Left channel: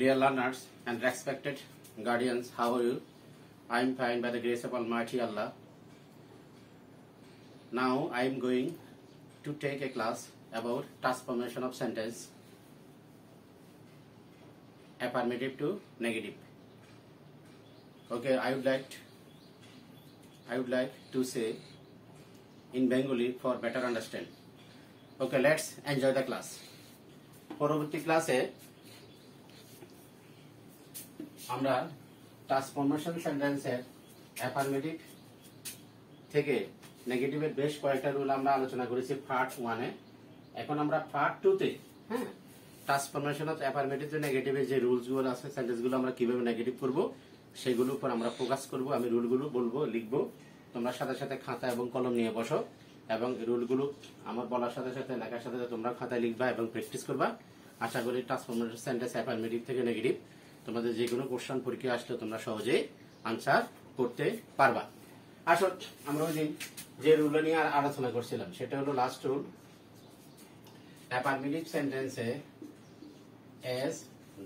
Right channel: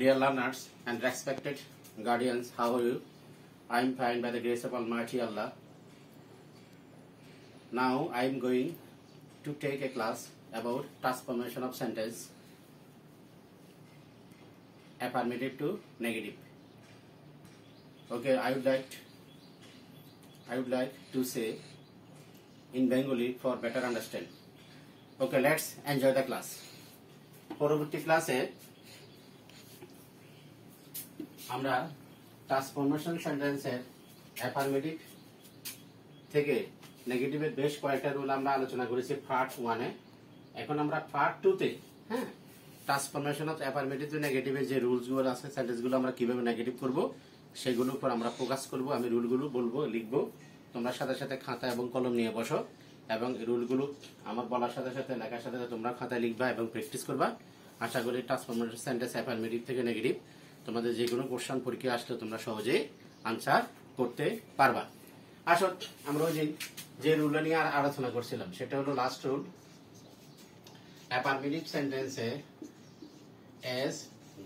Dear learners and respected guardians, how are you? I am fine by the grace of Almighty Allah. Now I am going to take a class about transformation of sentence affirmative to negative. Okay, I would like to say in Bengali for better understand. Okay, let's enjoy the class. পরবর্তী ক্লাসে আমরা transformation সেন্টেন্সের affirmative থেকে নেগেটিভের বেশ কয়েকটা rule আমরা আলোচনা করেছি পার্ট 1 এ। এখন আমরা পার্ট 2 তে ট্রান্সফরমেশন অফ অ্যাফার্মেটিভ টু নেগেটিভের যে রুলসগুলো আছে, সেন্টেন্সগুলো আমরা কিভাবে নেগেটিভ করব সেগুলোর উপর আমরা ফোকাস করব। আমি রুলগুলো বলবো, লিখবো, তোমরা সাথে সাথে খাতা এবং কলম নিয়ে বসো এবং রুলগুলো আমার বলার সাথে সাথে লেখার সাথে সাথে তোমরা খাতায় লিখবা এবং প্র্যাকটিস করবা। আশা করি ট্রান্সফরমেশন সেন্টেন্স অ্যাফার্মেটিভ থেকে নেগেটিভ তোমাদের যে কোনো কোশ্চেন পরীক্ষা আসলে তোমরা সহজেই আনসার করতে পারবা। আসো আমরা ওই দিন যে রুল নিয়ে আলোচনা করছিলাম সেটা হলো লাস্ট রুল। অ্যাফার্মেটিভ সেন্টেন্সে এস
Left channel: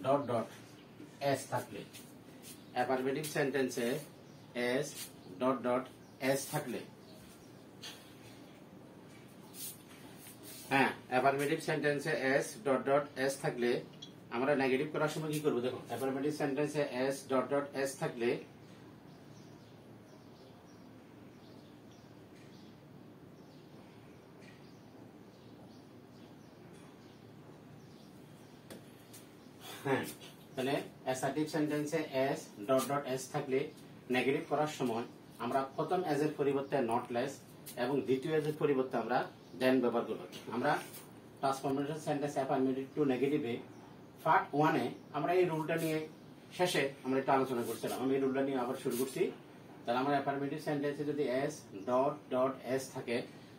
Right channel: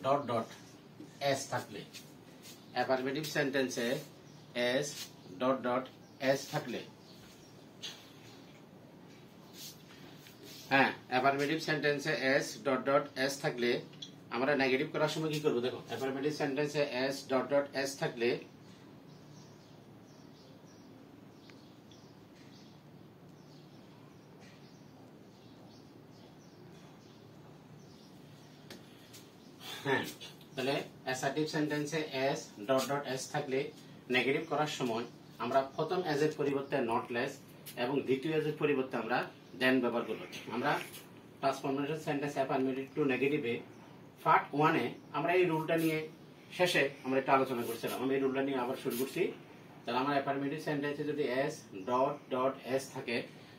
ডট ডট এস থাকলে, অ্যাফার্মেটিভ সেন্টেন্সে এস ডট ডট এস থাকলে, অ্যাফার্মেটিভ সেন্টেন্সে এস ডট ডট এস থাকলে আমরা নেগেটিভ করার সময় কি করব? দেখো, অ্যাফার্মেটিভ সেন্টেন্সে এস ডট ডট এস থাকলে তাহলে অ্যাসার্টিভ সেন্টেন্সে এস ডট ডট এস থাকলে নেগেটিভ করার সময় আমরা প্রথম এজ এর পরিবর্তে নট লেস এবং দ্বিতীয় এজ এর পরিবর্তে আমরা দেন ব্যবহার করব। আমরা ট্রান্সফরমেশন সেন্টেন্স অ্যাফার্মেটিভ টু নেগেটিভে পার্ট 1 এ আমরা এই রুলটা নিয়ে শেষে আমরা একটা আলোচনা করছিলাম। আমি এই রুলটা নিয়ে আবার শুরু করছি। তাহলে আমার অ্যাফার্মেটিভ সেন্টেন্সে যদি এস ডট ডট এস থাকে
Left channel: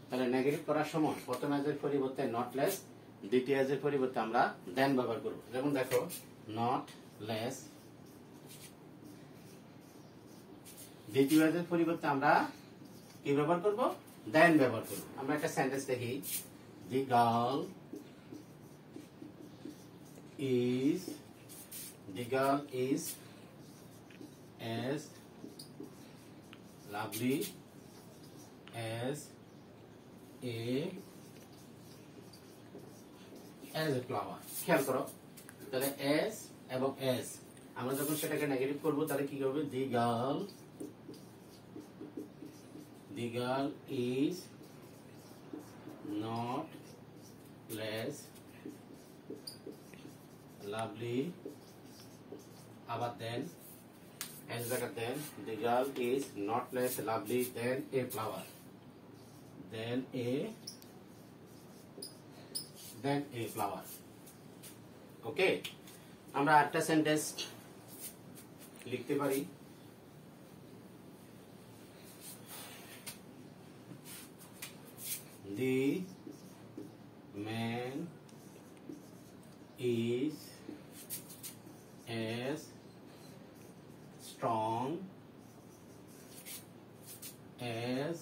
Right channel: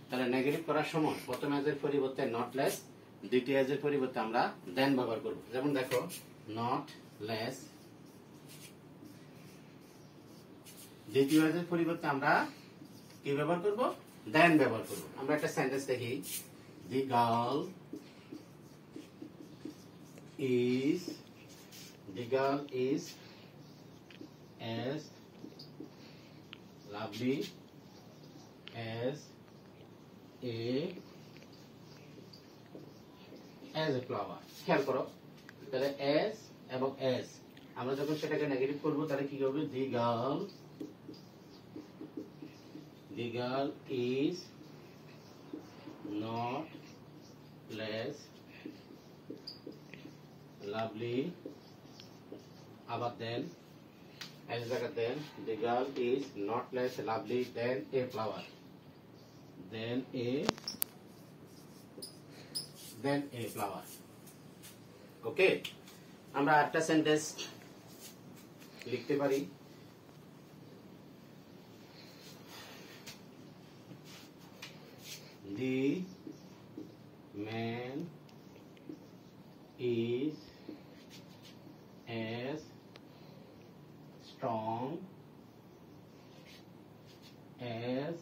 তাহলে নেগেটিভ করার সময় প্রথম এজ এর পরিবর্তে নট লেস, দ্বিতীয় এজ এর পরিবর্তে আমরা দেন ব্যবহার করব। যেমন দেখো, নট লেস, দ্বিতীয় এজ এর পরিবর্তে আমরা কি ব্যবহার করব? দেন ব্যবহার করব। আমরা একটা সেন্টেন্স দেখি, the girl is as lovely as a flower. খেয়াল করো, তাহলে as এবং as আমরা যখন সেটাকে নেগেটিভ করব তাহলে কি হবে? the girl is not less lovely, আবার দেন as জায়গা দেন, the girl is not less lovely than a flower, than a flower. ওকে, আমরা আরেকটা সেন্টেন্স লিখতে পারি। The man is as strong as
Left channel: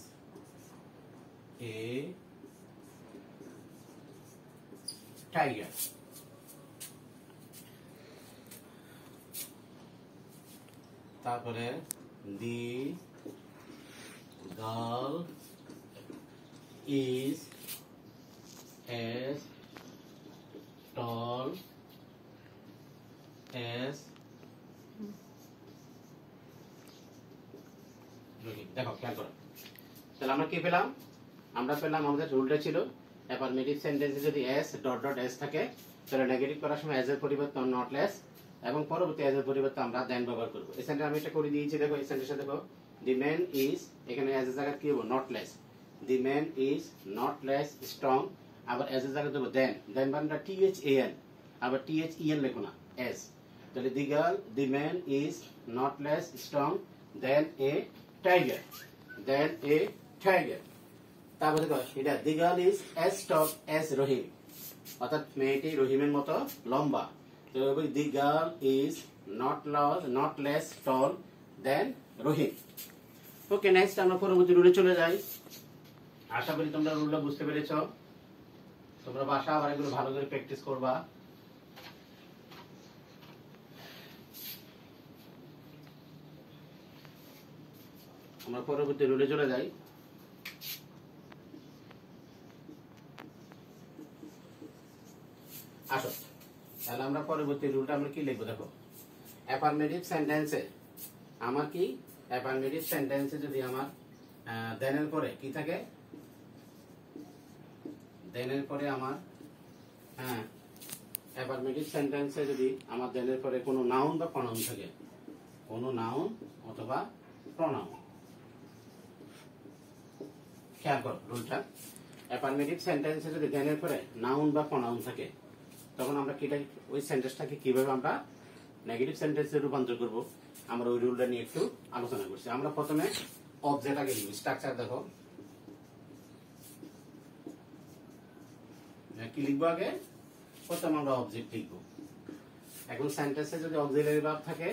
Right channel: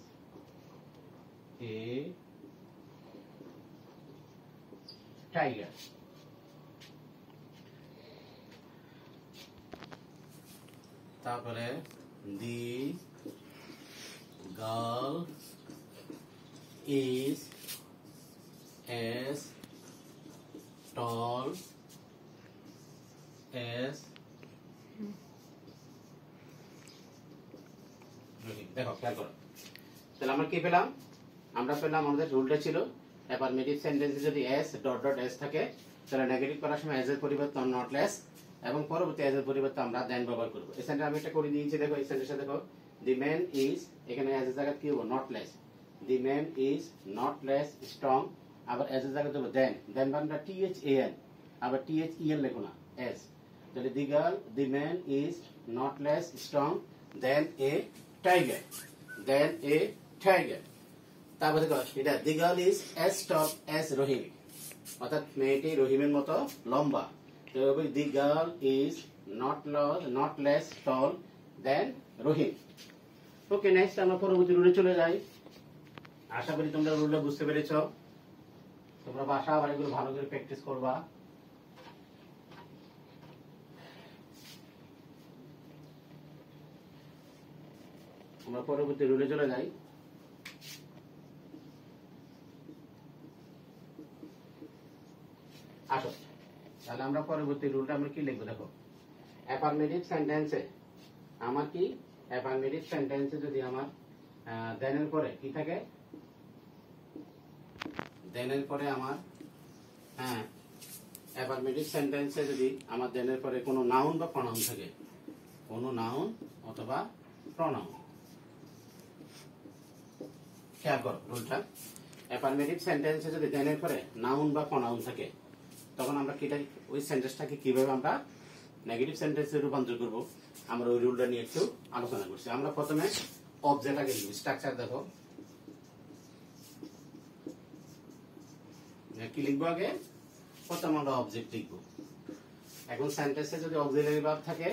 a tiger. তারপরে the girl is as tall as দেখো, খেয়াল করো, তাহলে আমরা কি পেলাম? আমরা পেলাম আমাদের রুলটা ছিল অ্যাফার্মেটিভ সেন্টেন্সে যদি এস ডট ডট এস থাকে তাহলে নেগেটিভ করার সময় এজ এর পরিবর্তে নট লেস এবং পরবর্তী এজ এর পরিবর্তে আমরা দেন ব্যবহার করব। এই সেন্টেন্স আমি এটা করে দিয়েছি। দেখো, এই সেন্টেন্সে দেখো, দি ম্যান ইজ, এখানে এজ এর জায়গা কি হবে? Not less. The man is not less strong, আবার এজ এর জায়গা দেবো দেন বানটা THAN, আবার THEN লেখো না, এস। তাহলে the man is not less strong than a tiger, তারপরে দেখো এটা the girl is as tall as Rahim, অর্থাৎ মেয়েটি রহিমের মতো লম্বা। The girl is not less tall than Rahim. Okay, next আমরা পরবর্তী রুলে চলে যাই। আশা করি তোমরা রুলটা বুঝতে পেরেছ। তোমরা বাসা আবার এগুলো ভালো করে প্র্যাকটিস করবা। আমরা পরবর্তী রুলে চলে যাই। আসো তাহলে আমরা পরবর্তী রুলটা আমরা কি লিখবো দেখো। অ্যাফার্মেটিভ সেন্টেন্সে আমার কি, অ্যাফার্মেটিভ সেন্টেন্সে যদি আমার দেনের পরে কি থাকে, দেনের পরে আমার অ্যাফার্মেটিভ সেন্টেন্সে যদি আমার দেনের পরে কোনো নাউন বা প্রনাউন থাকে, কোনো নাউন অথবা প্রনাউন, খেয়াল করো রুলটা। অ্যাফার্মেটিভ সেন্টেন্সে যদি দেনের পরে নাউন বা প্রনাউন থাকে তখন আমরা ওই সেন্টেন্সটাকে কিভাবে আমরা নেগেটিভ সেন্টেন্সে রূপান্তর করব, আমরা ওই রুলটা নিয়ে একটু আলোচনা করছি। আমরা প্রথমে অবজেক্ট আগে লিখব, স্ট্রাকচার দেখো কি লিখবো আগে, প্রথমে আমরা অবজেক্ট লিখবো। এখন সেন্টেন্সে যদি অক্সিলারি ভার্ব থাকে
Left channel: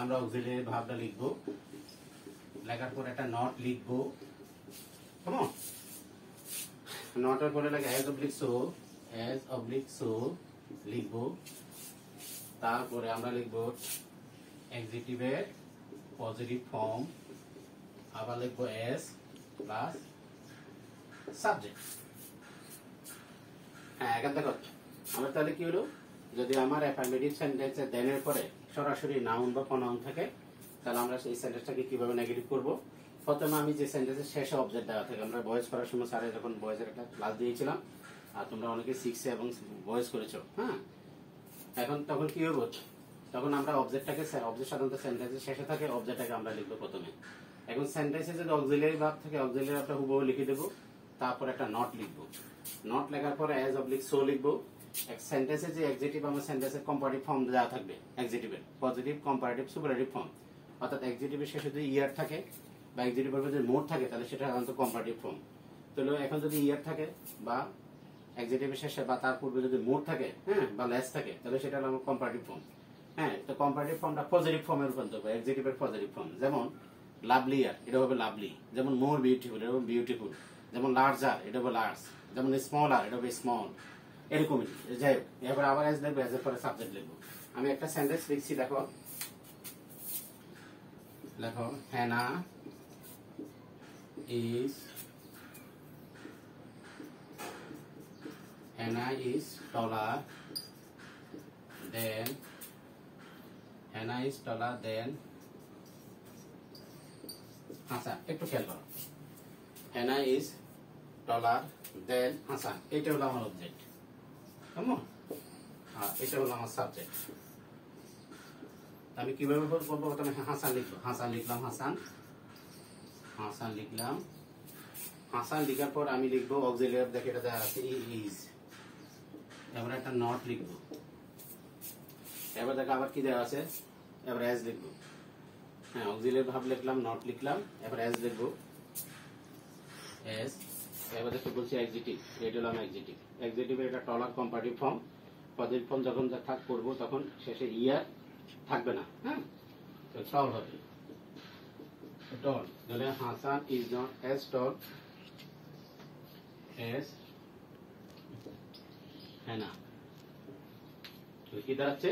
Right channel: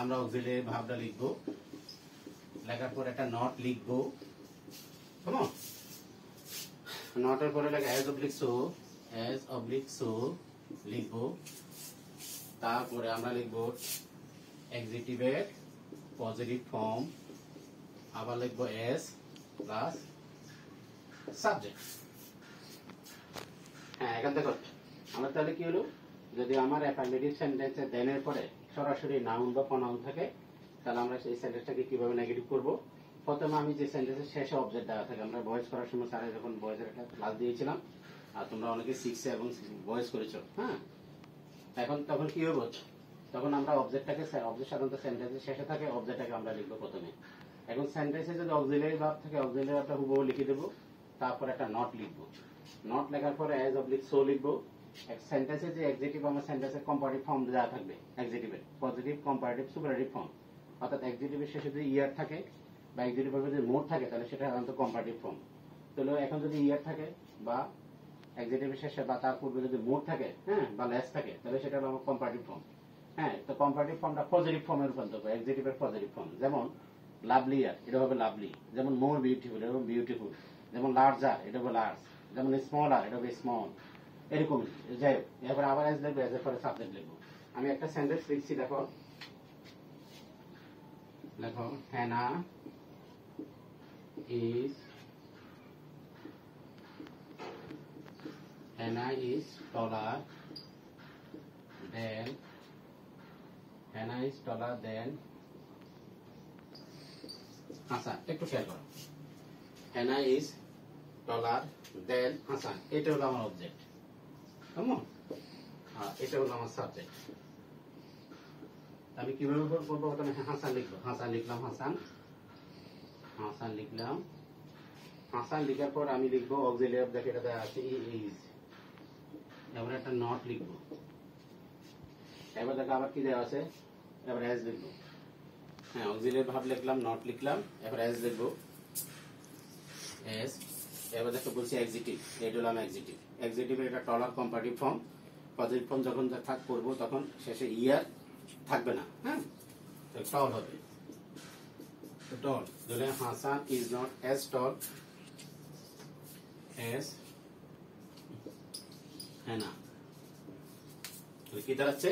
আমরা অক্সিলারি ভার্বটা লিখবো, লেখার পর একটা নট লিখবো, কেমন নটের পরে লাগে অ্যাজ অবলিক সো লিখবো। তারপরে আমরা লিখবো এক্সিটিভের পজিটিভ ফর্ম, আবার লিখবো এস প্লাস সাবজেক্ট। এখন দেখো আমরা তাহলে কি হলো, যদি আমার অ্যাফার্মেটিভ সেন্টেন্সে দেনের পরে সরাসরি নাউন বা প্রনাউন থাকে তাহলে আমরা সেই সেন্টেন্সটাকে কিভাবে নেগেটিভ করব। প্রথমে আমি যে সেন্টেন্সের শেষে অবজেক্ট দেওয়া থাকে, আমরা ভয়েস করার সময় স্যারে যখন ভয়েসের একটা ক্লাস দিয়েছিলাম আর তোমরা অনেকে শিখছে এবং ভয়েস করেছো, এখন তখন কি হবে, তখন আমরা অবজেক্টটাকে, অবজেক্ট সাধারণত সেন্টেন্সের শেষে থাকে, অবজেক্টটাকে আমরা লিখবো প্রথমে। এখন সেন্টেন্সে যদি অক্সিলারি ভার্ব থাকে অক্সিলারি ভার্বটা হুবহু লিখে দেবো, তারপর একটা নট লিখবো, নট লেখার পরে অ্যাজ অবলিক সো লিখবো। সেন্টেন্সে যে এক্সিটিভ আমার সেন্টেন্সের কম্পারেটিভ ফর্ম দেওয়া থাকবে, এক্সিটিভের পজিটিভ কম্পারেটিভ সুপারেটিভ ফর্ম, অর্থাৎ এক্সিটিভের শেষে যদি ইয়ার থাকে বা এক্সিটিভের যদি মোড থাকে তাহলে সেটা সাধারণত কম্পারেটিভ ফর্ম। তাহলে এখন যদি ইয়ার থাকে বা এক্সিটিভের শেষে বা তার পূর্বে যদি মোড থাকে বা লেস থাকে তাহলে সেটা হলো আমার কম্পারেটিভ ফর্ম। তো কম্পারেটিভ ফর্মটা পজিটিভ ফর্মে রূপান্তর করে, এক্সিটিভের পজিটিভ ফর্ম। যেমন লাভলিয়ার এটা হবে লাভলি, যেমন মোর বিউটিফুল এটা হবে বিউটিফুল, যেমন লার্জার এটা হবে লার্জ, যেমন স্মলার এটা হবে স্মল, এরকমই। যাই হোক এবার আবার এজ লিখবো, এজ এর পরে সাবজেক্ট লিখবো। আমি একটা সেন্টেন্স লিখছি, দেখো লেখো হ্যানা is taller than হাসান। একটু খেয়াল করো, হ্যানা ইজ টলার দেন হাসান, এটা হলো আমার অবজেক্ট, কেমন, এটা হলো আমার সাবজেক্ট। আমি কিভাবে বলবো, প্রথমে হাসান লিখবো, হাসান লিখলাম, হাসান লিখলাম, হাসান লিখার পর আমি লিখবো অক্সিলারি, দেখে এটা দেওয়া আছে ইজ, এবার একটা নট লিখবো, এবার দেখো আবার কি দেওয়া আছে, এবার অ্যাজ লিখবো, অক্সিলারি ভার্ব লিখলাম, নট লিখলাম, এবার অ্যাজ লিখবো, অ্যাজ। এবার দেখো বলছি এক্সিটিভ, এটা হলো আমার এক্সিটিভ, এক্সিটিভের এটা টলার কম্পারেটিভ ফর্ম, পজিটিভ ফর্ম যখন করবো তখন শেষে ইয়ার থাকবে না, টল হবে, টল। তাহলে Hasan is not as tall as Hannah, কি দাঁড়াচ্ছে,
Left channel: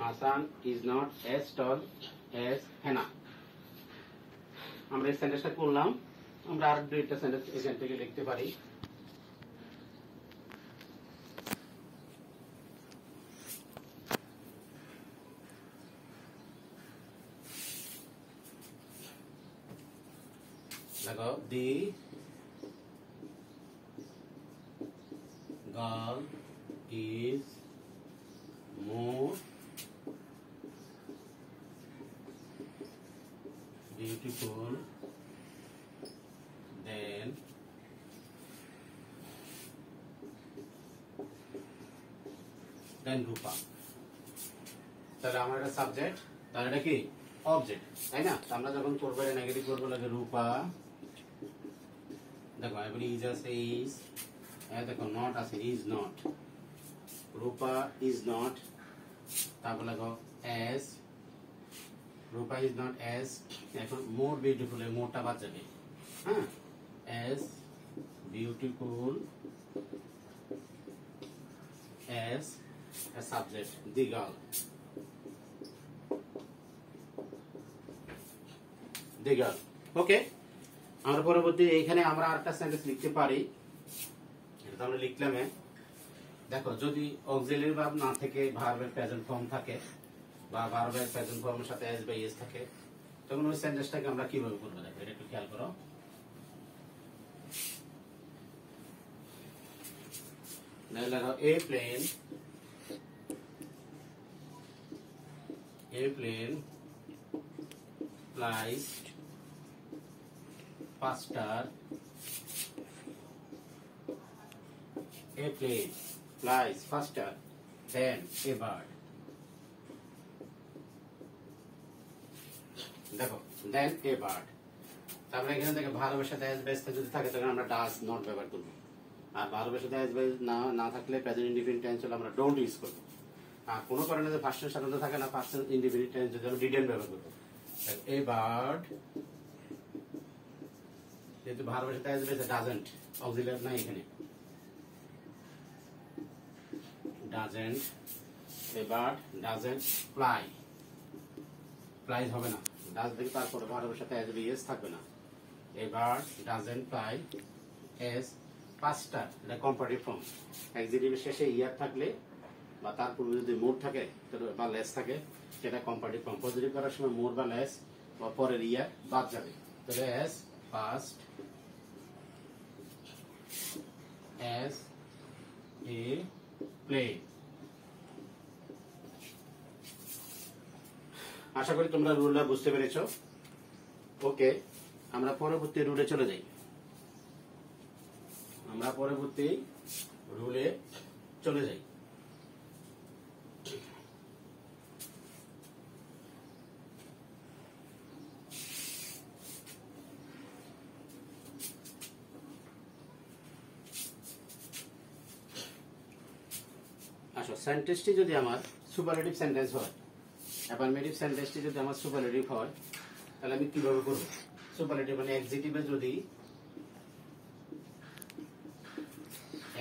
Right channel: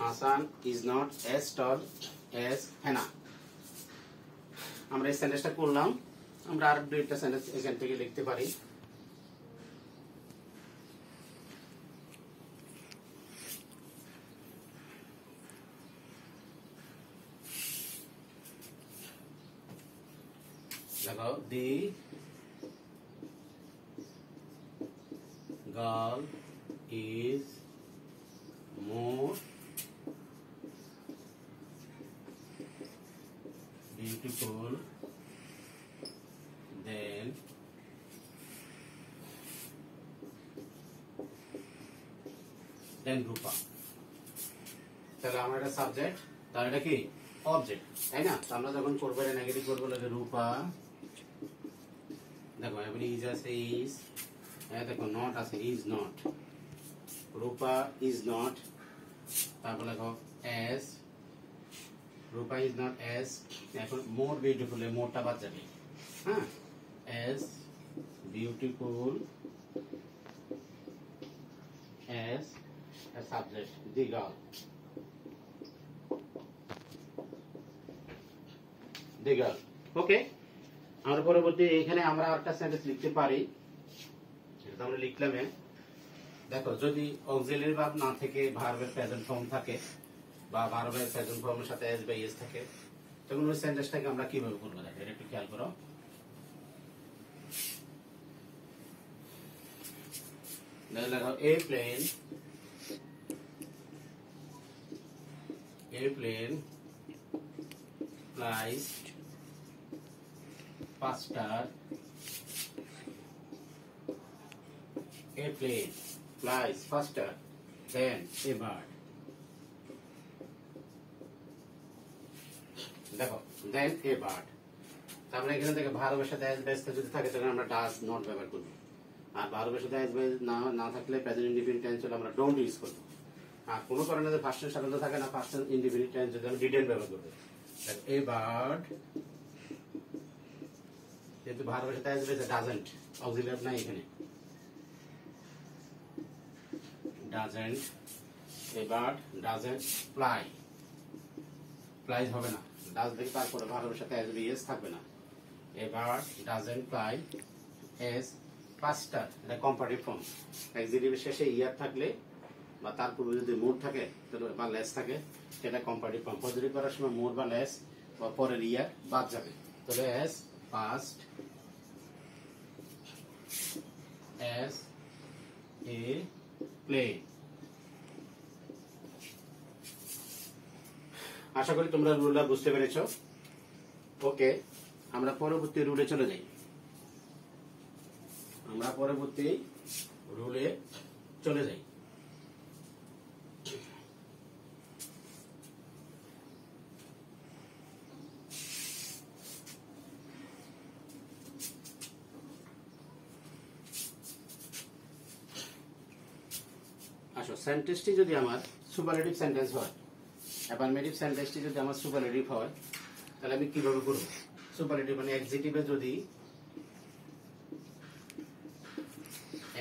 Hasan is not as tall as Hannah. আমরা এই সেন্টেন্সটা করলাম, আমরা আর দুইটা সেন্টেন্স এখান থেকে লিখতে পারি। লাগাও, the girl is more beautiful than Rupa. তাহলে আমার একটা সাবজেক্ট, তাহলে এটা কি অবজেক্ট, তাই না? আমরা যখন করবো নেগেটিভ করবো লাগে রূপা, দেখো এগুলি ইজ আছে, ইজ, দেখো নট আছে, is not, Rupa is not, তারপর দেখো S, Rupa is not S, এখন মোর বিউটিফুল, মোরটা বাদ যাবে, S beautiful S subject, the girl, the girl, ওকে, আমরা পরবর্তী এখানে আমরা আরেকটা সেন্টেন্স লিখতে পারি। এটা আমরা লিখলাম। দেখো, যদি অক্সিলারি ভার্ব না থেকে ভার্বের প্রেজেন্ট ফর্ম থাকে বা ভার্বের প্রেজেন্ট ফর্মের সাথে এস বা ইএস থাকে, তখন ওই সেন্টেন্সটাকে আমরা কিভাবে করবো? দেখো, এটা একটু খেয়াল করো। দেখো, airplane flies faster. Airplane flies faster than a bird. দেখো, than a bird, আমরা এখানে থেকে ভার্বের সাথে এস বেস যদি থাকে তখন আমরা ডাজ নট ব্যবহার করব, আর ভার্বের সাথে এস বেস না থাকলে প্রেজেন্ট ইনডিফিনিট টেন্স হলে আমরা ডোন্ট ইউজ করব। আর কোনো কারণে যদি ফার্স্ট সাধারণত থাকে না, ফার্স্ট ইনডিফিনিট টেন্স যদি আমরা ডিডেন্ট ব্যবহার করব। এ বার্ড, যেহেতু ভার্বের সাথে এস বেস ডাজন্ট, অক্সিলারি নাই এখানে, doesn't, a bird doesn't fly, flies হবে না, ডাজ থেকে তারপরে ভার্বের সাথে এস বিএস থাকবে না। A bird doesn't fly S ফাস্টার, এটা কম্পারেটিভ ফর্ম। এক্সিটিভের শেষে ইয়ার থাকলে বা তার পূর্বে যদি মোর থাকে বা লেস থাকে, সেটা কম্পারেটিভ ফর্ম। পজিটিভ করার সময় মোর বা লেস বা পরের ইয়ার বাদ যাবে, তাহলে as fast as a plane. আশা করি তোমরা রুলটা বুঝতে পেরেছো। ওকে, আমরা পরবর্তী রুলে চলে যাই। আসো, সেন্টেন্সটি যদি আমার সুপারলেটিভ সেন্টেন্স হয়, অ্যাফার্মেটিভ সেন্টেন্সটি যদি আমার সুপারলেটিভ হয়, তাহলে আমি কিভাবে করব? সুপারলেটিভ মানে এক্সিটিভে যদি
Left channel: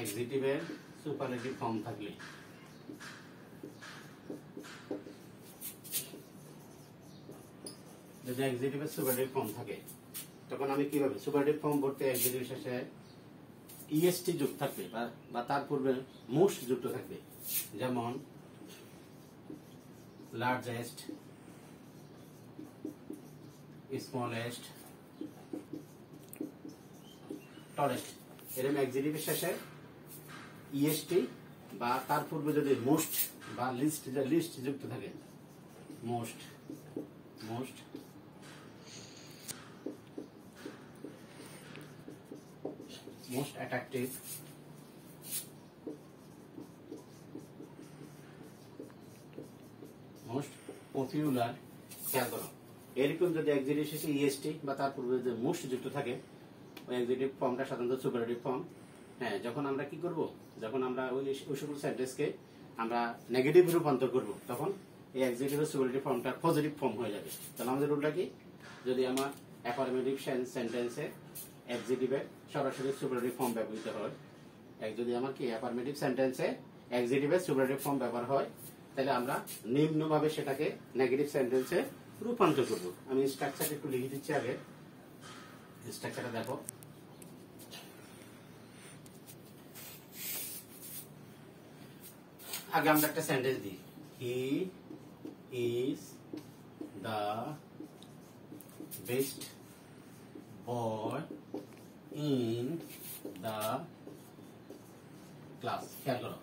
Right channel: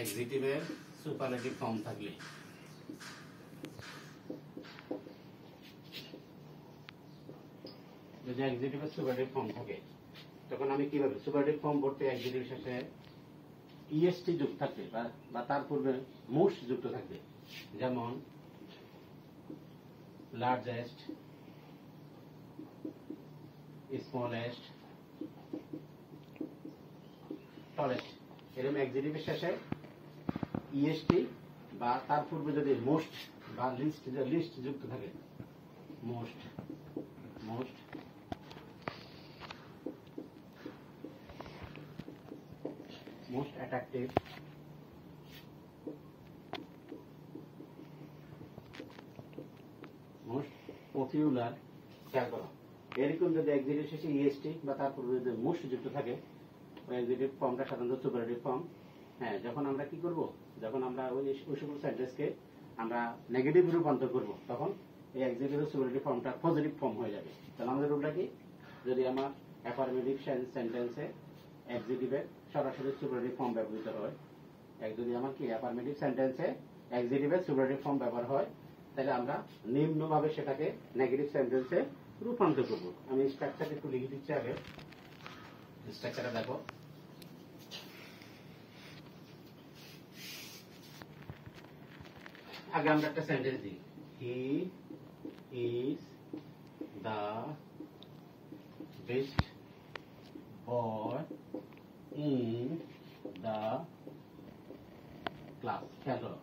এক্সিটিভের সুপারলেটিভ ফর্ম থাকলে, যদি এক্সিটিভের সুপারলেটিভ ফর্ম থাকে, তখন আমি কিভাবে সুপারলেটিভ ফর্ম বলতে এক্সিটিভ শেষে ইএসটি যুক্ত থাকবে বা তার পূর্বে মোস্ট যুক্ত থাকবে, যেমন লার্জেস্ট, স্মলেস্ট, টলেস্ট, এরকম এক্সিটিভের শেষে ইএসটি বা তার পূর্বে যদি মোস্ট বা লিস্ট যুক্ত থাকে, মোস্ট অ্যাট্রাকটিভ, মোস্ট পপুলার, খেয়াল করো। এরকম যদি এক্সিটিভ শেষে ইএসটি বা তার পূর্বে যদি মোস্ট যুক্ত থাকে, ওই এক্সিটিভ ফর্মটা সাধারণত সুপারলেটিভ ফর্ম। হ্যাঁ, যখন আমরা কি করব, যখন আমরা ওই সকল সেন্টেন্সকে আমরা নেগেটিভ রূপান্তর করব, তখন এই এক্সিটিভের সুপারলেটিভ ফর্মটা পজিটিভ ফর্ম হয়ে যাবে। তাহলে আমাদের রুলটা কি? যদি আমার অ্যাফার্মেটিভ সেন্টেন্সে এক্সিটিভের সরাসরি সুপারলেটিভ ফর্ম ব্যবহৃত হয়, যদি আমার কি অ্যাফার্মেটিভ সেন্টেন্সে এক্সিটিভের সুপারলেটিভ ফর্ম ব্যবহার হয়, তাহলে আমরা নিম্নভাবে সেটাকে নেগেটিভ সেন্টেন্সে রূপান্তর করব। আমি স্ট্রাকচারটা একটু লিখে দিচ্ছি আগে। স্ট্রাকচারটা দেখো। আগে আমরা একটা সেন্টেন্স দিই, he is the best boy in the class. খেয়াল করো,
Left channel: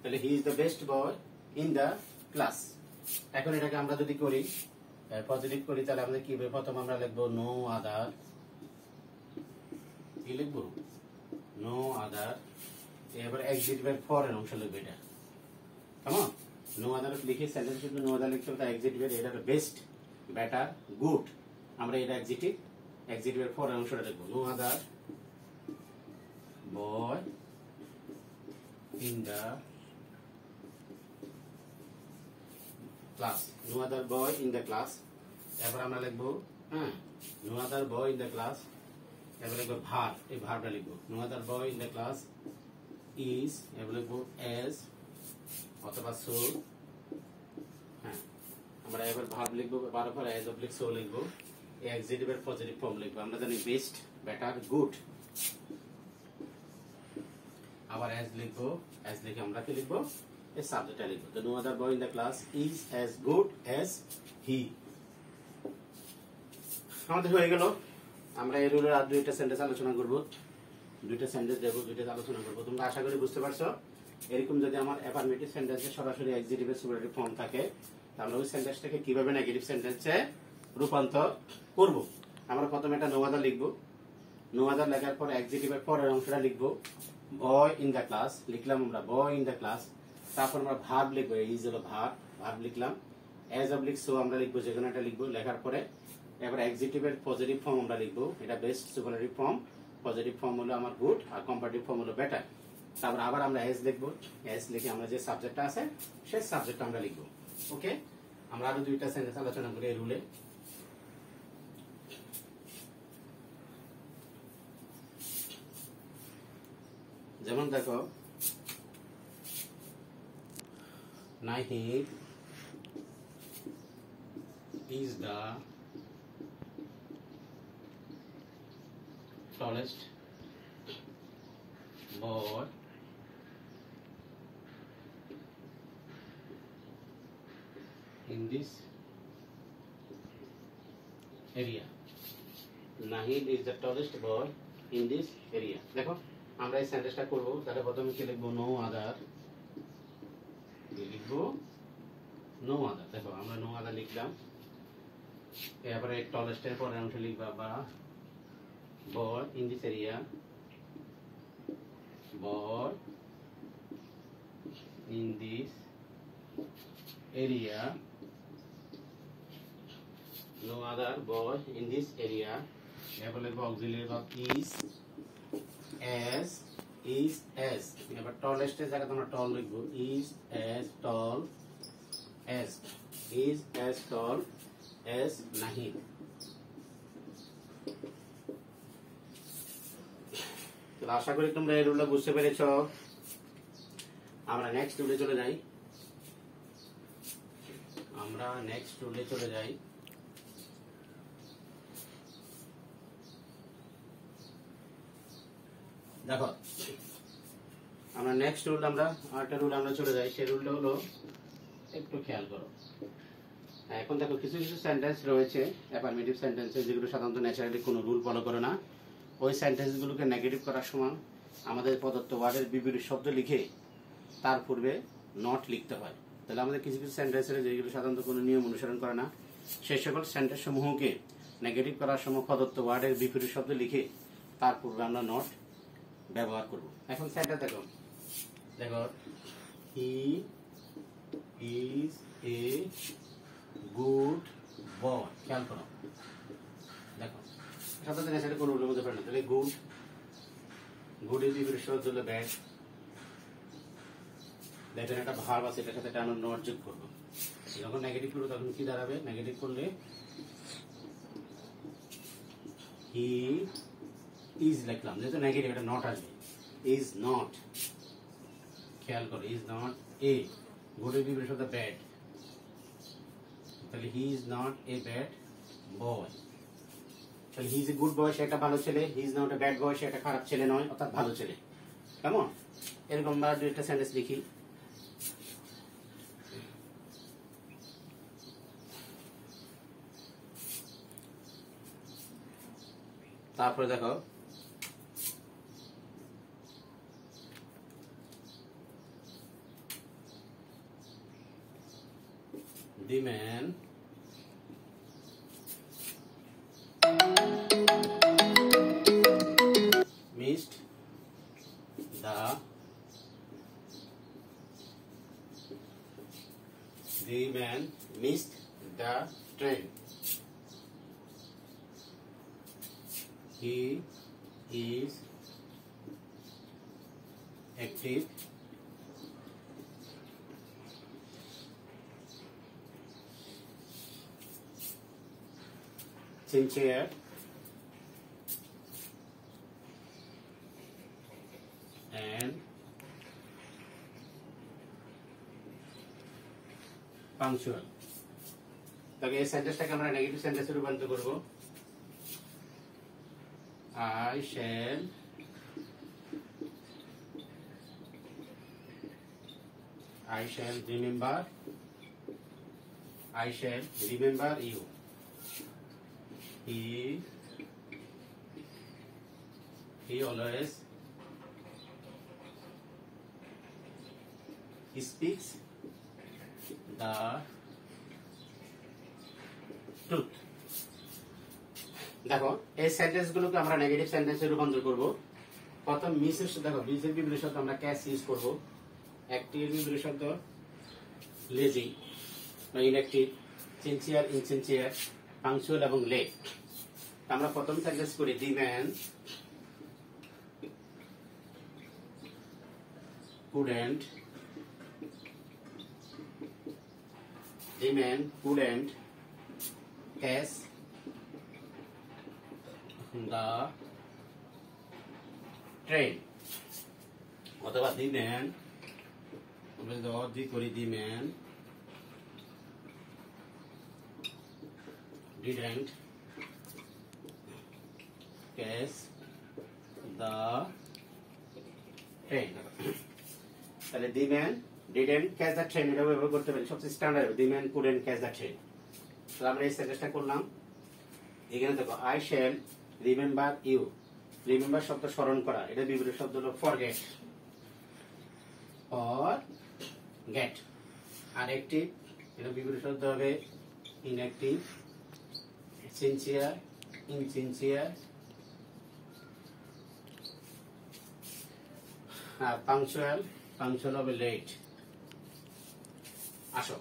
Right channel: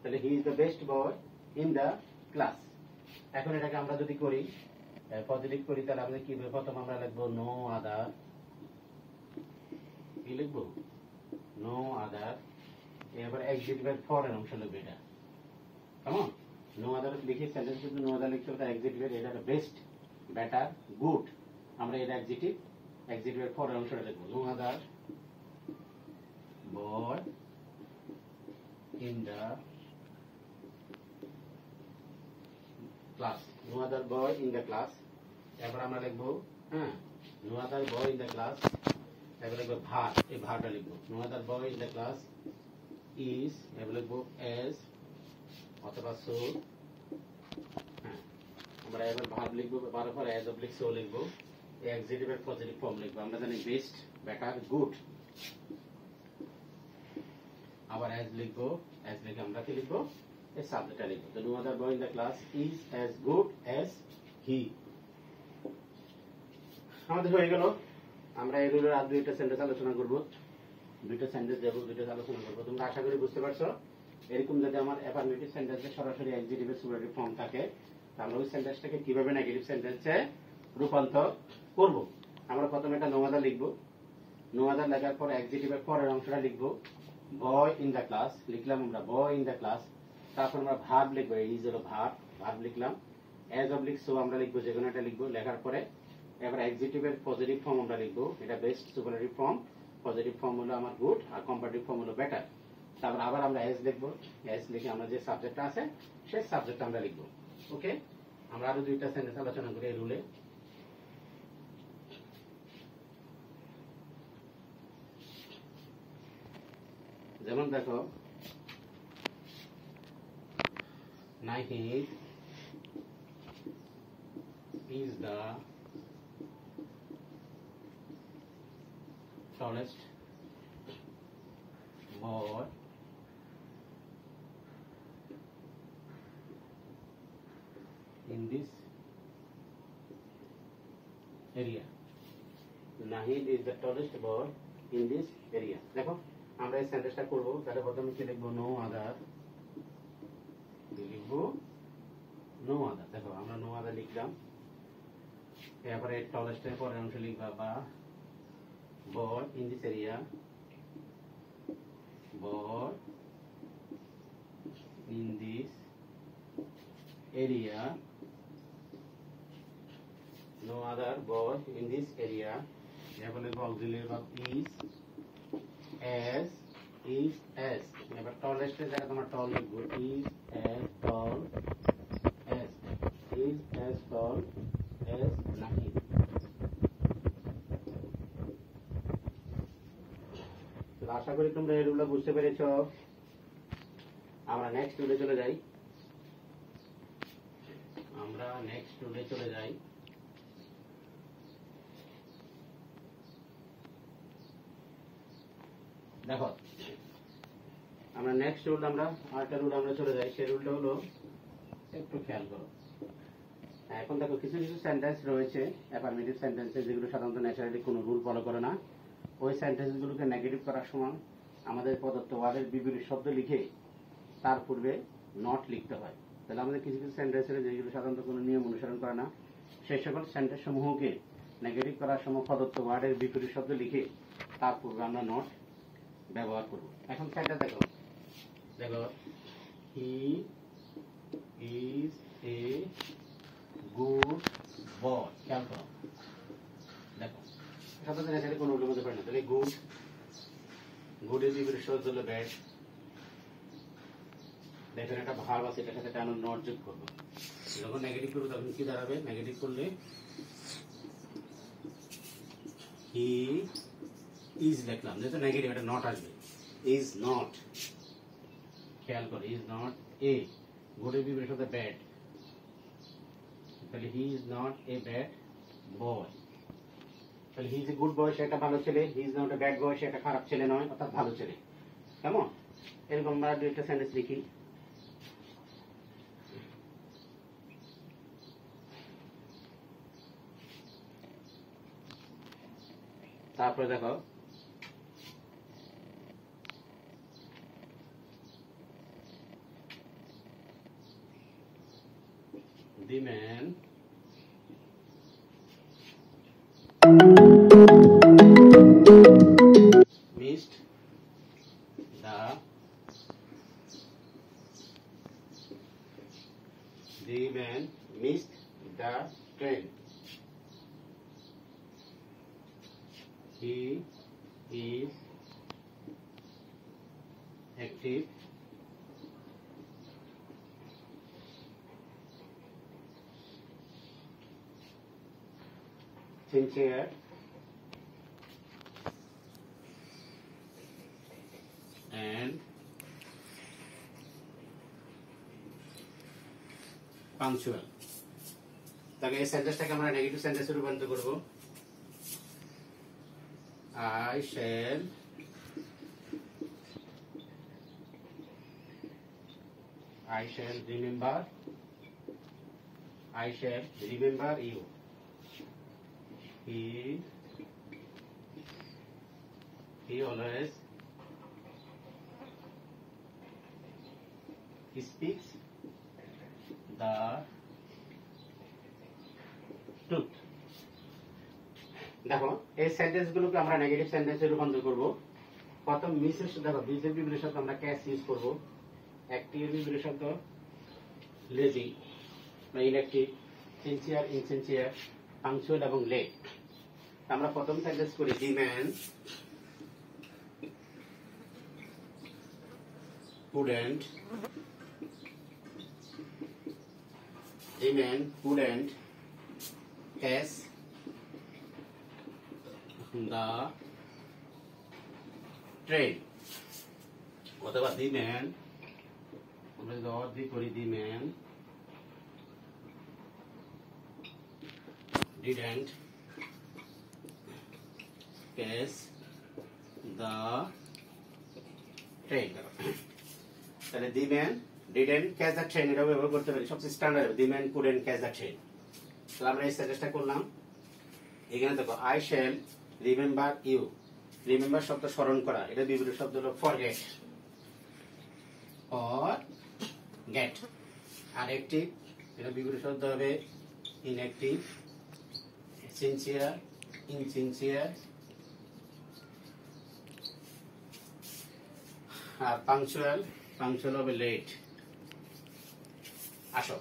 তাহলে he is the best boy in the class. এখন এটাকে আমরা যদি করি পজিটিভ করি, তাহলে আমাদের কি হবে? প্রথম আমরা লিখবো নো আদার, কি লিখবো? No other. এবার এক্সিটিভের পরের অংশ লিখবে এটা, কেমন? নো আদার লিখে সেন্টেন্স কিন্তু নো আদার লিখতে হবে, এক্সিটিভের এটা বেস্ট, বেটার, গুড। আমরা এটা এক্সিটিভের পরের অংশটা লিখবো, no other boy in the class, no other boy in the class. এরপর আমরা লিখবো, হ্যাঁ, no other boy in the class. এবার লিখবো ভার, এই ভারটা লিখবো, no other boy in the class is, এবার লিখবো এস অথবা সো। হ্যাঁ, আমরা এবার ভার লিখবো, ভার পর এজ অবলিক সো লিখবো। এক্সিটিভের পজিটিভ ফর্ম লিখবো। আমরা জানি বেস্ট, বেটার, গুড। আবার অ্যাজ লিখবো, অ্যাজ লিখে আমরা কি লিখবো? এই সাবজেক্টটা লিখবো। The no other boy in the class is as good as he. আমাদের হয়ে গেল। আমরা এই রুলের আর দুইটা সেন্টেন্স আলোচনা করব, দুইটা সেন্টেন্স দেব, দুইটা আলোচনা করব। তোমরা আশা করি বুঝতে পারছো। এরকম যদি আমার অ্যাফার্মেটিভ সেন্টেন্সে সরাসরি এক্সিটিভের সুপারলেটিভ ফর্ম থাকে, তাহলে ওই সেন্টেন্সটাকে কিভাবে নেগেটিভ সেন্টেন্সে রূপান্তর করব। আমরা প্রথমে একটা নো আদার লিখবো। নো আদার লেখার পর এক্সিটিভের পরের অংশটা লিখবো। বয় ইন দ্য ক্লাস লিখলাম আমরা, বয় ইন দ্য ক্লাস। তারপর আমরা ভার্ব লিখবো, ইজ হলো ভার্ব লিখলাম। অ্যাজ অবলিক সো আমরা লিখবো, যে কোনো একটা লিখবো। লেখার পরে এবার এক্সিটিভের পজিটিভ ফর্ম আমরা লিখবো। এটা best superlative form, positive form হলো আমার গুড, আর কম্পারেটিভ ফর্ম হলো বেটার। তারপর আবার আমরা এস লিখবো। এস লিখে আমরা যে সাবজেক্টটা আছে সেই সাবজেক্টটা আমরা লিখবো। ওকে, আমরা আরো দুইটা সেন্টেন্স আলোচনা করি এই রুলে। যেমন দেখো, Nahid is the tallest boy in this area. Nahid is the tallest boy in this area. দেখো আমরা এই সেন্টেন্সটা করব। তাহলে প্রথমে কি লিখবো? নো আদার লিখবো, নো আদার। দেখো আমরা নো আদার লিখলাম। এরপরে টলেস্টের পরের অংশ লিখবা, বা boy in this area, boy in this area, no other boy in this area. এরপর লিখবো অক্সিলিয়ারি ভার্ব is as। এবার টলেস্টের জায়গায় তোমরা টল লিখবো, is as tall as Nahid। তো আশা করি তোমরা এই রুলটা বুঝতে পেরেছো। আমরা নেক্সট রুলে চলে যাই। দেখো আমরা নেক্সট রুল, আমরা আরেকটা রুল আমরা চলে যাই। সেই রুলটা হলো, একটু খেয়াল করো। এখন দেখো কিছু কিছু সেন্টেন্স রয়েছে অ্যাফার্মেটিভ সেন্টেন্সে, যেগুলো সাধারণত ন্যাচারালি কোনো রুল ফলো করে না। ওই সেন্টেন্সগুলোকে নেগেটিভ করার সময় আমাদের প্রদত্ত ওয়ার্ডের বিপরীত শব্দ লিখে তার পূর্বে নট লিখতে হয়। তাহলে আমাদের কিছু কিছু সেন্টেন্স রয়েছে যেগুলো সাধারণত কোনো নিয়ম অনুসরণ করে না। সেই সকল সেন্টেন্স সমূহকে নেগেটিভ করার সময় প্রদত্ত ওয়ার্ডের বিপরীত শব্দ লিখে তার পূর্বে আমরা নট ব্যবহার করব। এখন সেন্টেন্স দেখো, he is a good boy. খেয়াল করো, দেখো সাধারণত ন্যাচারালি কোনো রুলের মধ্যে পড়ে না। তাহলে গুডের বিপরীত শব্দ হলো ব্যাড। দেখেন একটা ভার্ব আছে, এটার সাথে আমরা নট যোগ করবো। যখন নেগেটিভ করবো তখন কি দাঁড়াবে? নেগেটিভ করলে হি ইজ লিখলাম, যেহেতু নেগেটিভ এটা নট আসবে। ইজ নট, খেয়াল করো, ইজ নট এ, গুডের বিপরীত শব্দ ব্যাড। তাহলে হি ইজ নট এ ব্যাড বয়। তাহলে he is a good boy, সে একটা ভালো ছেলে। He is not a bad boy, সে একটা খারাপ ছেলে নয়, অর্থাৎ ভালো ছেলে। কেমন? এরকম আমরা দুইটা সেন্টেন্স লিখি। তারপরে দেখো, the man missed the train. He is active sincere and punctual। তাকে এই সেন্টেন্সটাকে আমরা নেগেটিভ সেন্টেন্সে রূপান্তর করব। I shall remember you. He always speaks the truth. দেখো এই সেন্টেন্স গুলোকে আমরা নেগেটিভ সেন্টেন্সে রূপান্তর করব। প্রথম মিসের দেখো বিজের বিপরীত শব্দ আমরা ক্যাশ ইউজ করব। অ্যাক্টিভ বিপরীত শব্দ লেজি বা ইনঅ্যাক্টিভ, সিনসিয়ার, ইনসিনসিয়ার, পাংচুয়াল এবং লেট। আমরা প্রথম সেন্টেন্স করি the man couldn't catch the train. অথবা দি ম্যান, আমরা যদি করি the man didn't catch the train. তাহলে the man didn't catch the train এটা ব্যবহার করতে পারি, সবচেয়ে standard. The man couldn't catch the train। তাহলে আমরা এই সেন্টেন্সটা করলাম। এখানে দেখো I shall remember you, remember শব্দ স্মরণ করা, এটা বিপরীত শব্দ হলো forget। আর অ্যাক্টিভ, এটা বিপরীত শব্দ হবে ইনঅ্যাক্টিভ, সিনসিয়ার, ইনসিনসিয়ার। আর পাংচুয়াল হবে লেট। আসো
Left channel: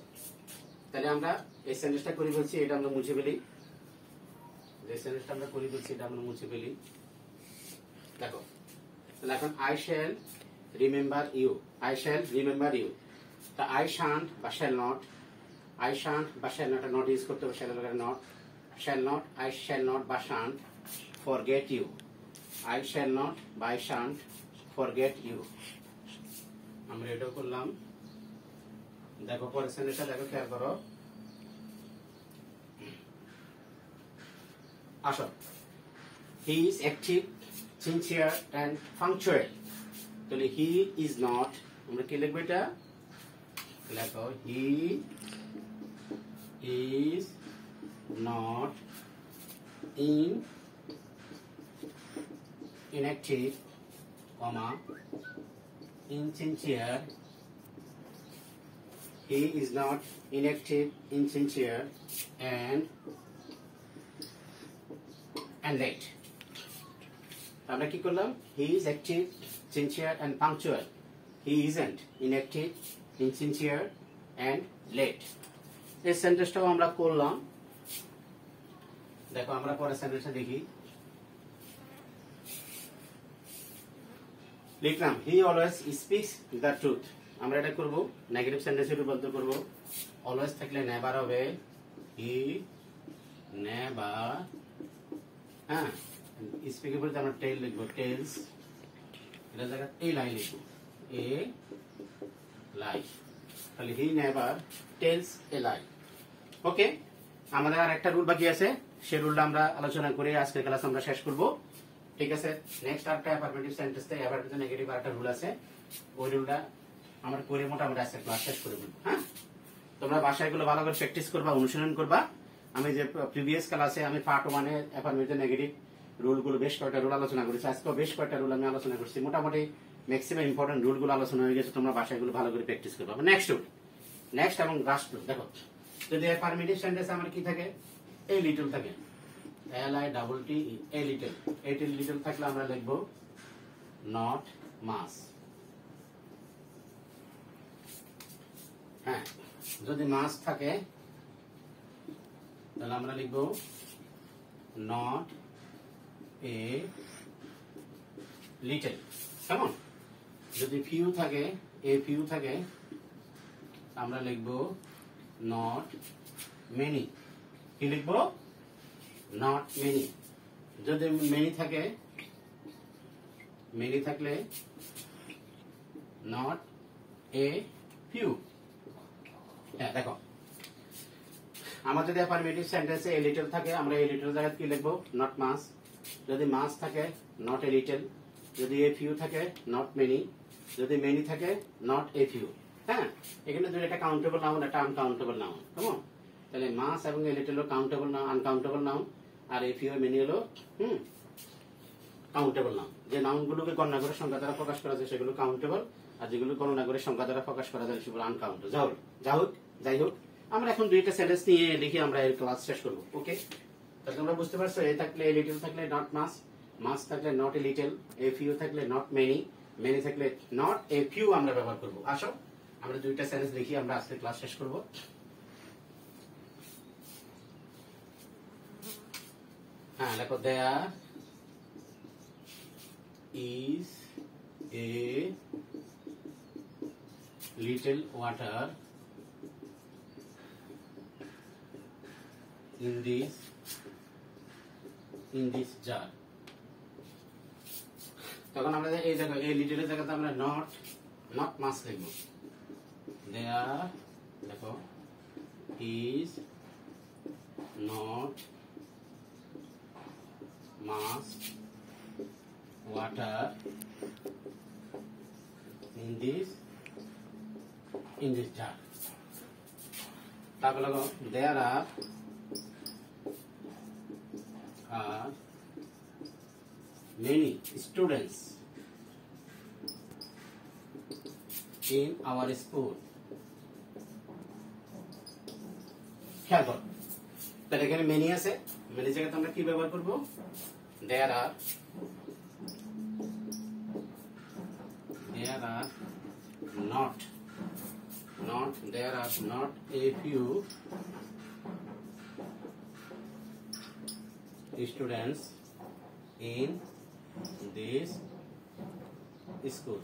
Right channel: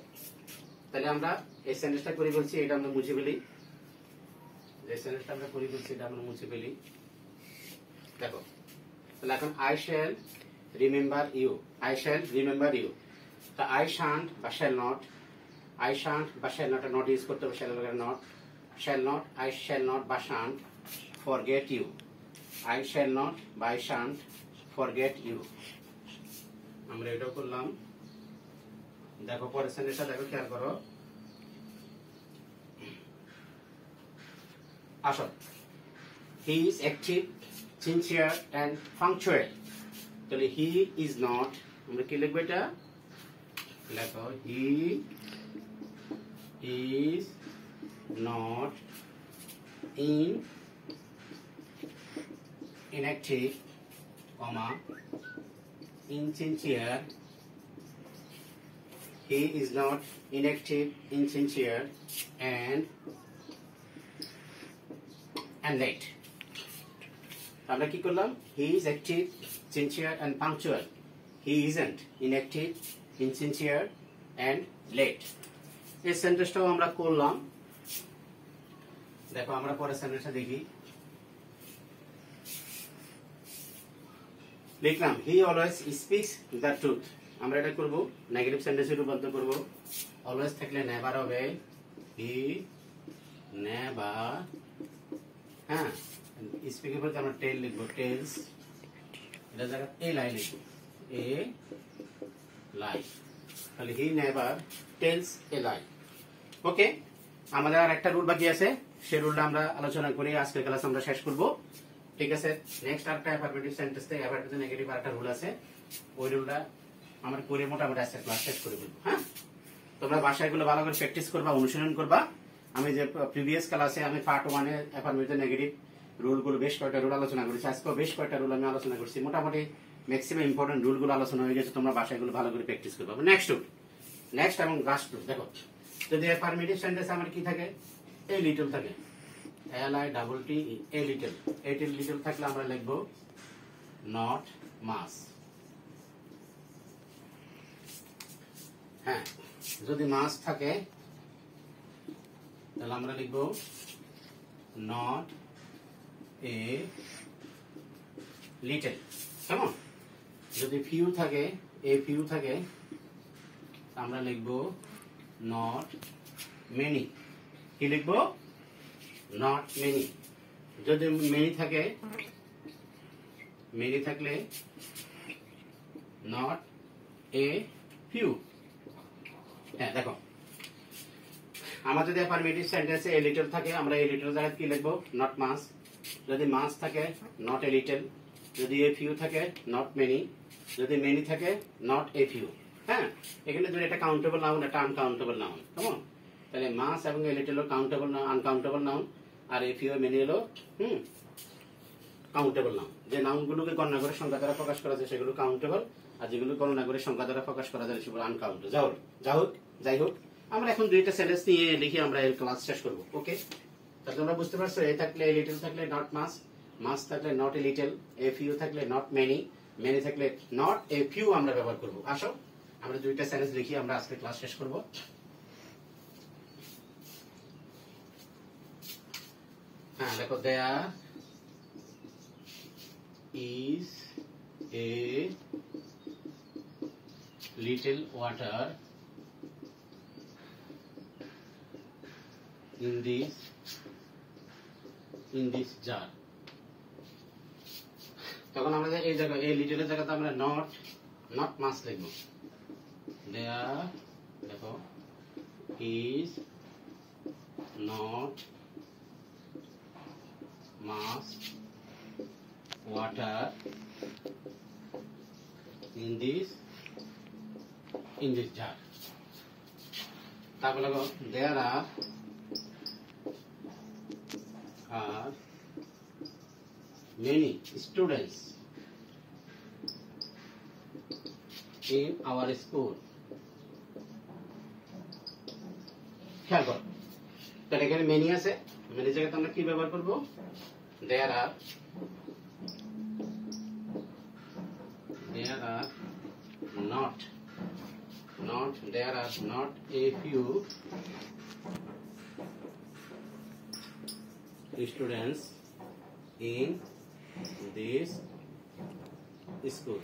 তাহলে আমরা এই সেন্টেন্সটা করে বলছি, এটা আমরা মুছে ফেলি। যে সেন্টেন্সটা আমরা করে বলছি এটা আমরা মুছে ফেলি। দেখো তাহলে এখন I shall remember you, তা I shan't বা shall not, not ইউজ করতে হবে, shall not, I shall not বা shan't forget you, I shall not বা I shan't forget you। আমরা এটাও করলাম। দেখো পরের সেন্টেন্সটা দেখো, খেয়াল করো। আসো, he is active, sincere and punctual। তাহলে he is not, আমরা কি লিখবো এটা? লেখো he is not inactive, insincere, he is not inactive, insincere and late। আমরা কি করলাম? he is active, sincere and punctual, he isn't inactive, insincere and late। এই সেন্টেন্সটাও আমরা করলাম। দেখো আমরা পরের সেন্টেন্সটা দেখি। লিখলাম he always speaks the truth। আমরা এটা করব নেগেটিভ সেন্টেন্সে রূপান্তর করব। অলওয়েজ থাকলে নেভার হবে he never, হ্যাঁ স্পিকের পরে আমরা টেল লিখবো, টেলস। এটা জায়গা এ লাই লিখবো, এ লাই। তাহলে হি নেভার টেলস এ লাই। ওকে, আমাদের আর একটা রুল বাকি আছে, সেই রুলটা আমরা আলোচনা করে আজকের ক্লাস আমরা শেষ করব। ঠিক আছে, নেক্সট আরেকটা অ্যাফারমেটিভ সেন্টেন্সে অ্যাফারমেটিভ নেগেটিভ আরেকটা রুল আছে, ওই রুলটা আমরা করে মোটামুটি আজকের ক্লাস শেষ করে বলবো। হ্যাঁ, তোমরা বাসায় গুলো ভালো করে প্র্যাকটিস করবা, অনুশীলন করবা। আমি যে প্রিভিয়াস ক্লাসে আমি পার্ট 1 এ অ্যাফারমেটিভ নেগেটিভ রুলগুলো বেশ কয়েকটা রুল আলোচনা করেছি, আজকেও বেশ কয়েকটা রুল আমি আলোচনা করছি। মোটামুটি ম্যাক্সিমাম ইম্পর্টেন্ট রুলগুলো আলোচনা হয়ে গেছে, তোমরা বাসায় গুলো ভালো করে প্র্যাকটিস করবা। নেক্সট রুল, নেক্সট এবং লাস্ট রুল দেখো। যদি অ্যাফারমেটিভ সেন্টেন্স আমার কি থাকে? এ লিটল থাকে, LITTLE, a little. A little থাকলে আমরা লিখবো নট মাস। হ্যাঁ, যদি মাস থাকে তাহলে আমরা লিখবো নট এ লিটল। কেমন? যদি ফিউ থাকে, এ ফিউ থাকে, আমরা লিখবো নট মেনি। কি লিখবো? Not many. যদি মেনি থাকে, মেনি থাকলে নট এ ফিউ। হ্যাঁ দেখো, আমার যদি অ্যাফারমেটিভ সেন্টেন্সে এ লিটল থাকে, আমরা এ লিটল জায়গায় কি লিখবো? Not much. যদি মাস থাকে নট এ লিটল, যদি এ ফিউ থাকে নট মেনি, যদি মেনি থাকে নট এ ফিউ। হ্যাঁ, এখানে যদি এটা কাউন্টেবল নাউন, এটা আনকাউন্টেবল নাউন। কেমন? তাহলে মাস এবং এ লিটল হলো কাউন্টেবল নাউন, আনকাউন্টেবল নাউন, আর এ ফিউ মেনি হলো কাউন্টেবল নাউন। যে নাউনগুলোকে গণনা করে সংখ্যা দ্বারা প্রকাশ করা যায় সেগুলো কাউন্টেবল, আর যেগুলো গণনা করে সংখ্যা দ্বারা প্রকাশ করা যায় সেগুলো আনকাউন্টেবল। যাই হোক, আমরা এখন দুইটা সেন্টেন্স নিয়ে লিখে আমরা এর ক্লাস শেষ করবো। ওকে, তাহলে তোমরা বুঝতে পারছো, এ থাকলে এ লিটল থাকলে নট মাস, মাস থাকলে not a little, a few থাকলে নট মেনি, মেনি থাকলে নট এ ফিউ আমরা ব্যবহার করবো। আসো আমরা দুইটা সেন্টেন্স লিখি আমরা আজকে ক্লাস শেষ করবো। হ্যাঁ দেখো, দেয়ার is a little water in this jar। তখন আমরা এই জায়গায় এই লিটলের জায়গাতে আমরা নট মাস লিখব। দেয়ার দেখো is not mass water in this jar। তারপর দেখো there are many students in our school। খেয়াল করো, তাহলে এখানে মেনি আছে, মেনি জায়গাতে আমরা কি ব্যবহার করব? there are not a few students in this school।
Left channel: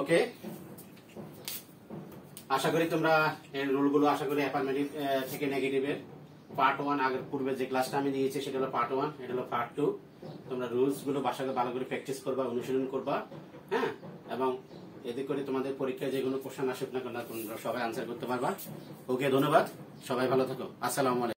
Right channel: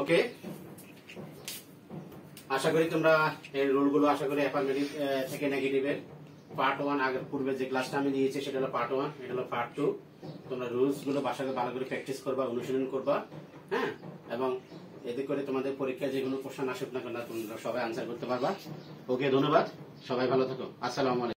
ওকে, আশা করি তোমরা এই রুলগুলো আশা করি অ্যাফার্মেটিভ থেকে নেগেটিভের পার্ট 1 আগের পূর্বে যে ক্লাসটা আমি দিয়েছি সেটা হলো পার্ট 1, এটা হলো পার্ট 2। তোমরা রুলস গুলো বাসায় ভালো করে প্র্যাকটিস করবা, অনুশীলন করবা। হ্যাঁ, এবং এতে করে তোমাদের পরীক্ষায় যে কোনো কোশ্চেন আসুক না কেন তোমরা সবাই আনসার করতে পারবা। ওকে, ধন্যবাদ, সবাই ভালো থাকো, আসসালামু আলাইকুম।